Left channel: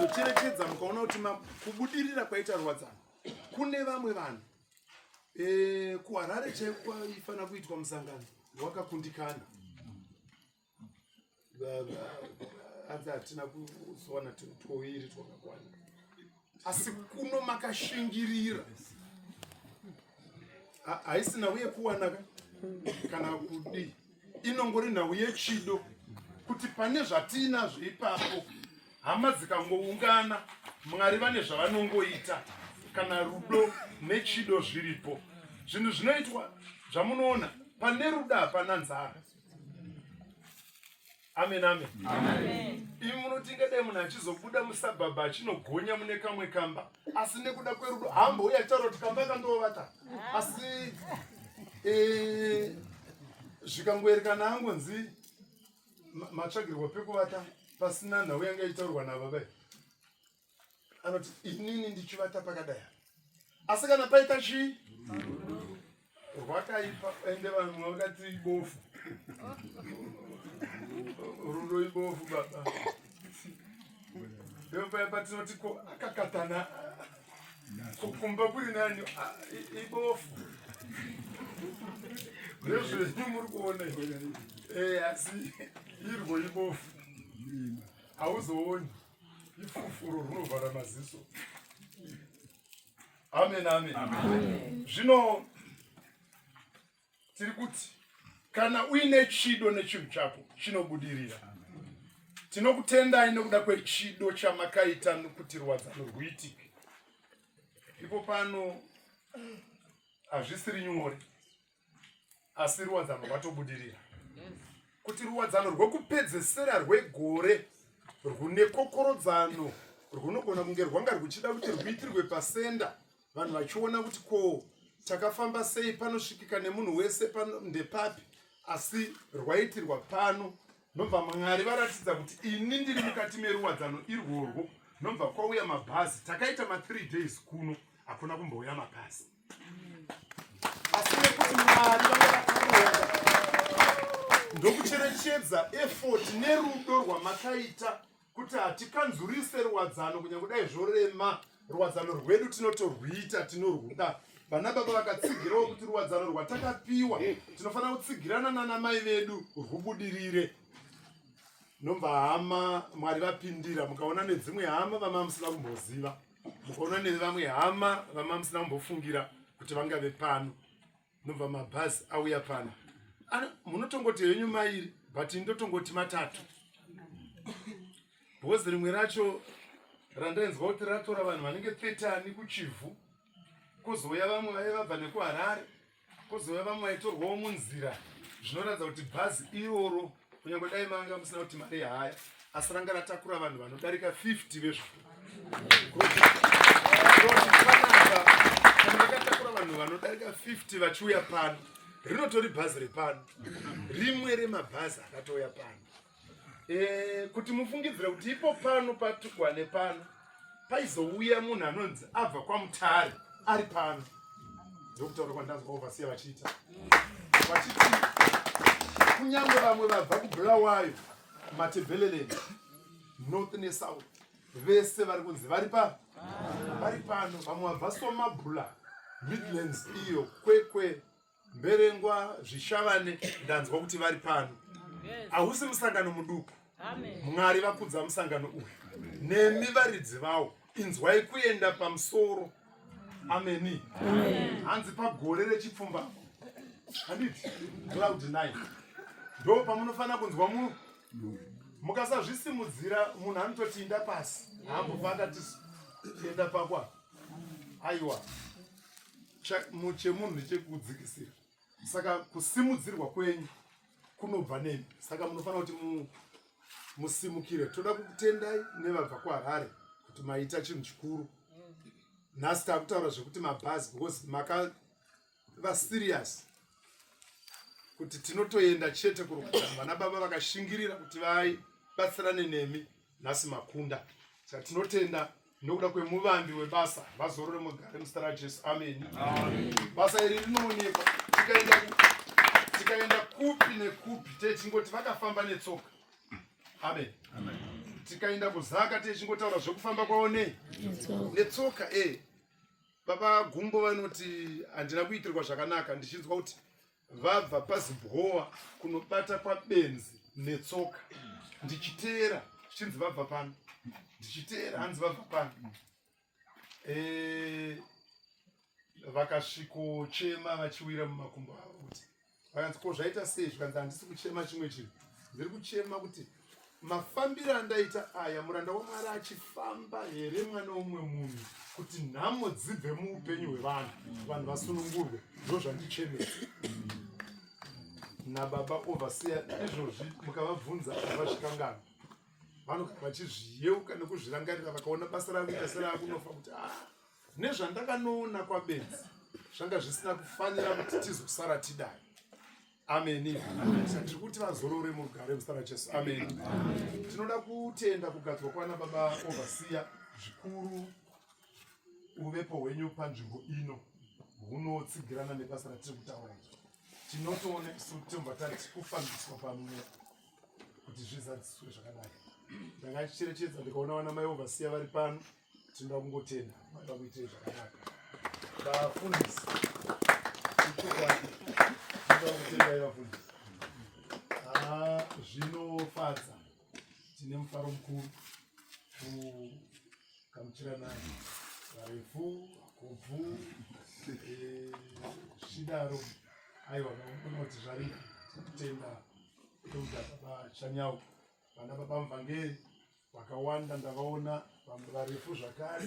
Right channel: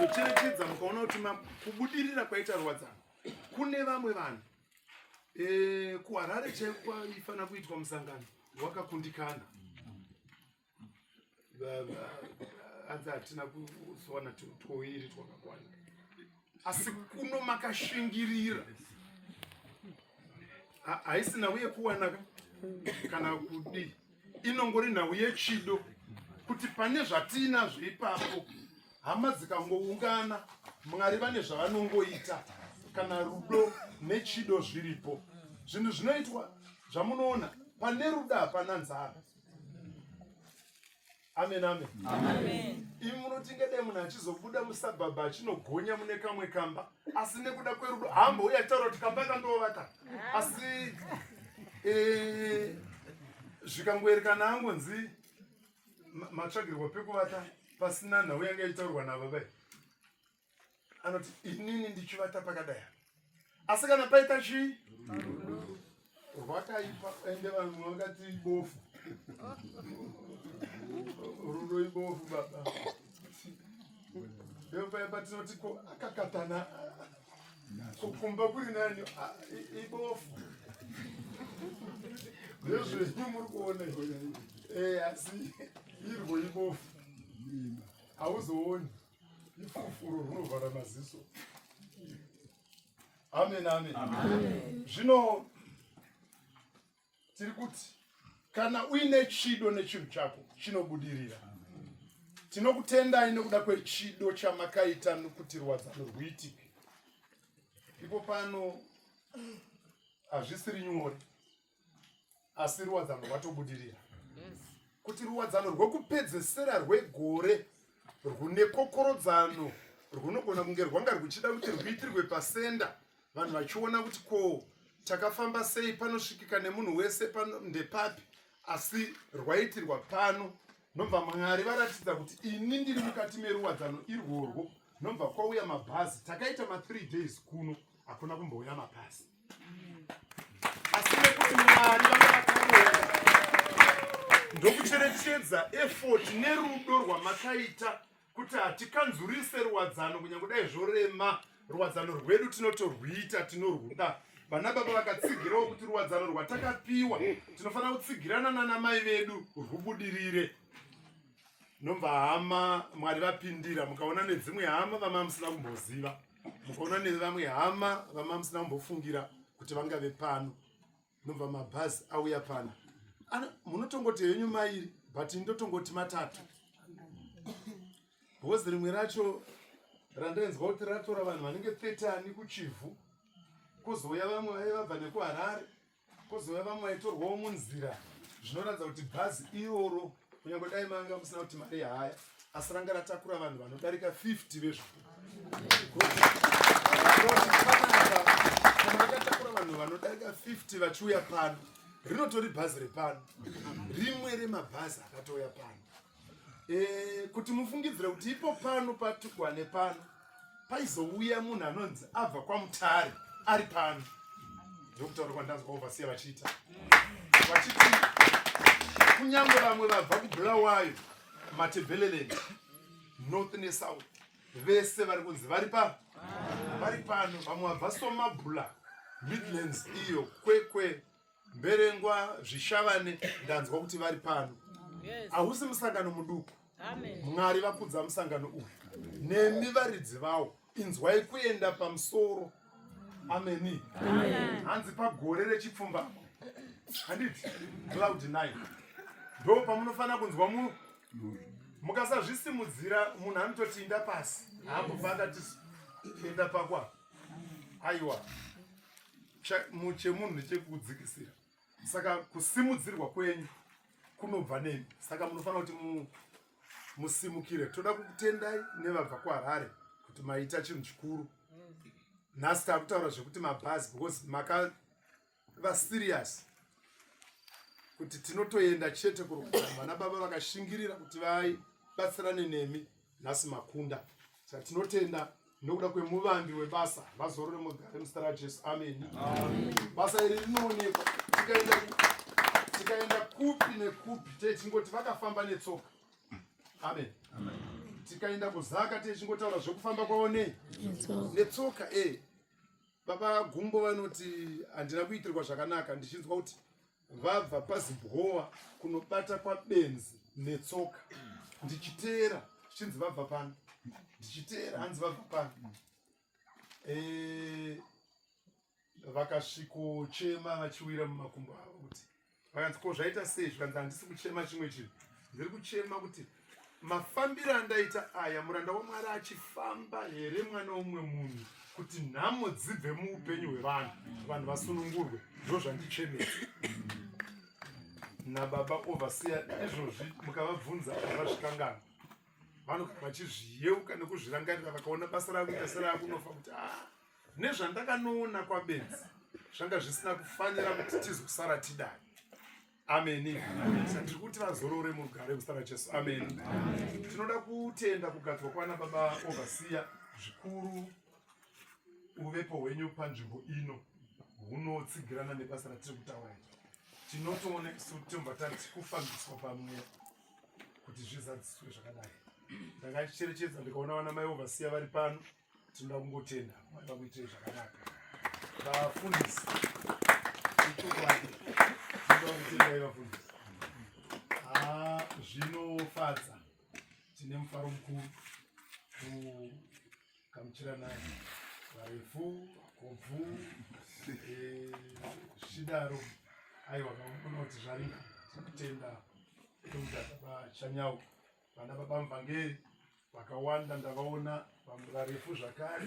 mukazocherechedza mukaona kuti kubudirira kwaita Rwadzano kune vamwe vanhu kuHarare chaifana kuitwa musangano wakakundikana anzi hatina kuzowana tuiri twakakwana asi kuno makashingirira haisi nhau yekuwana kana kudi inongori nhau yechido kuti pane zvatinazvo ipapo hama dzikangoungana Mwari vane zvavanongoita kana rudo nechido zviripo zvinhu zvinoitwa zvamunoona pane rudo hapana nzara. Amen, amen. Amen. Imi munotingade munhu achizobuda musabhabha achinogonya mune kamwe kamba asi nekuda kwerudo hamba uye achitaura kuti kamba kandovata asi zvikangoerekana angonzi matsvagirwa pekuvata pasina nhau yanga ichitaurwa navabai anoti inini ndichivata pakadai asi kana paita chii rwakaipa ende vamwe vakati ibofu rudo ibofu baba ndopai patinoti akakatana kumba kuri nani ibofu ndezvenyu muri kuona asi irwo ibofu hauzooni ifufuro runovhara maziso. Amen, amen. Zvino tiri kuti kana uine chido nechinhu chako chinobudirira. Tinokutendai nekuda kwechido chamakaita kuti Rwadzano rwuitike. Ipo pano hazvisiri nyore asi Rwadzano rwatobudirira. Kuti Rwadzano rwekupedzesera rwegore rwune kokorodzano rwunogona kunge rwanga rwuchida kuti rwuitirwe pasenda vanhu vachiona kuti ko takafamba sei panosvikika nemunhu wese pano ndepapi asi rwaitirwa pano nobva Mwari varatidza kuti ini ndiri mukati meRwadzano irworwo nobva kwauya mabhazi takaita ma3 days kuno hakuna kumbouya mabhazi asi nekuti Mwari vanga vakaronga ndokucherechedza effort nerudo rwamakaita kuti hatikanzurise Rwadzano kunyange dai zvorema Rwadzano rwedu tinotorwita tinorwuda. Vana baba vakatsigirawo kuti Rwadzano rwatakapiwa tinofanira kutsigirana nanamai vedu rwubudirire. Nobva hama Mwari vapindira mukaona nedzimwe hama vama musina kumboziva mukaona nevamwe hama vama musina kumbofungira kuti vangave pano nobva mabhazi auya pano munotongoti henyu mairi but ndotongoti matatu bhozi rimwe racho randainzwa kuti ratora vanhu vanenge 30 kuchivhu kuzouya vamwe vaivabva nekuHarare kuzouya vamwe vaitorwawo munzira zvinoratidza kuti bhazi iroro kunyange dai manga musina kuti mari haya asi ranga ratakura vanhu vanodarika 50 vezvikuru kana vakatakura vanhu vanodarika 50 vachiuya pano rinotori bhazi repano rimwe remabhazi akatouya pano kuti mufungidzire kuti ipo pano patukwa nepano paizouya munhu anonzi abva kwaMutare ari pano ndokutaura kwandanzwa ovasiya vachiita vachiti kunyange vamwe vabva kuBulawayo Matebeleleni North neSouth vese vari kunzi vari pano vamwe vabva Somabhula Midlands iyo Kwekwe Mberengwa Zvishavane ndanzwa kuti vari pano. Hausi musangano muduku. Mwari vakudza musangano uyu nemi varidzi vavo inzwai kuenda pamusoro. Ameni. Hanzi pagore rechipfumbamwe handiti cloud 9 ndo pamunofanira kunzwa munhu mukasazvisimudzira munhu anototi inda pasi hambofanga tienda pakwa aiwa chemunhu nechekudzikisira saka kusimudzirwa kwenyu kunobva nemi saka munofanira kuti musimukire. Toda kukutendai nevabva kuHarare kuti maita chinhu chikuru. Nhasi takutaura zvekuti mabhazi because makava serious kuti tinotoenda chete kuRwadzano. Vana baba vakashingirira kuti vabatsirane nemi nhasi makunda. Saka tinotenda nokuda kwemuvambi webasa vazorore mugare muzita raJesu. Amen. Basa iri rinoonekwa tikaenda kupi nekupi techingoti vakafamba netsoka. Amen. tikaenda kuzaka techingotaura zvekufamba kwawo netsoka. Baba Gumbo vanoti handina kuitirwa zvakanaka ndichinzwa kuti vabva paZimbabwe kunobata kwabenzi netsoka. Ndichiteera zvichinzi vabva pano, ndichiteera hanzi vabva pano. Vakasvikochema vachiwira mumakumbo avo kuti vakanzi ko zvaita sei, zvikanzi handisi kuchema chimwe chinhu, ndiri kuchema kuti mafambiro andaita aya muranda waMwari achifamba here mwana womumwe munhu kuti nhamo dzibve muupenyu hwevanhu, vanhu vasunungurwe, ndizvo zvandichemesa. Nababa overseer izvozvi mukavabvunza havazvikangana, vanogara vachizviyeuka nekuzvirangarira, vakaona basa rakuita serakunofa kuti nezvandakanoona kwabenzi zvanga zvisina kufanira kuti tizosara tidai. Ameni. Tiri kuti vazorore mugare muzita raJesu. Ameni. Tinoda kutenda kugadzwa kwana baba overseer zvikuru uvepo hwenyu panzvimbo ino hunotsigirana nebasa ratiri kutaura iri. Tinotoona titomba tati kufambiswa pamwe kuti zvizadziswe zvakadai. Ndakacherechedza ndikaona vana mai overseer vari pano, tinoda kungotenda vakuitire zvakanaka. Vafundisi zvinofadza, tine mufaro mukuru kugamuchirana varefu, vakobvu, zvidaro. Aiwa, vakaona kuti zvarika kutenda kutata bachanyawo. Vana baba muvhangeri vakawanda ndavaona, vamwe varefu zvakare,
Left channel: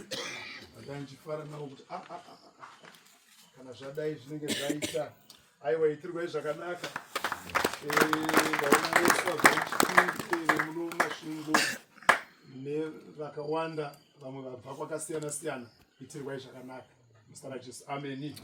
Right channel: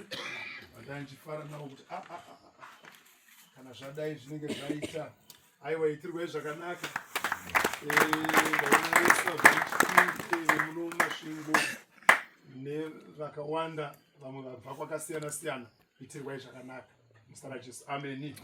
vandandichifara navo kuti kana zvadai zvinenge zvaita. Aiwa, itirwei zvakanaka. Ndaona vese vabva mumasvingo nevakawanda, vamwe vabva kwakasiyana siyana. Itirwai zvakanaka muzita raJesu. Ameni.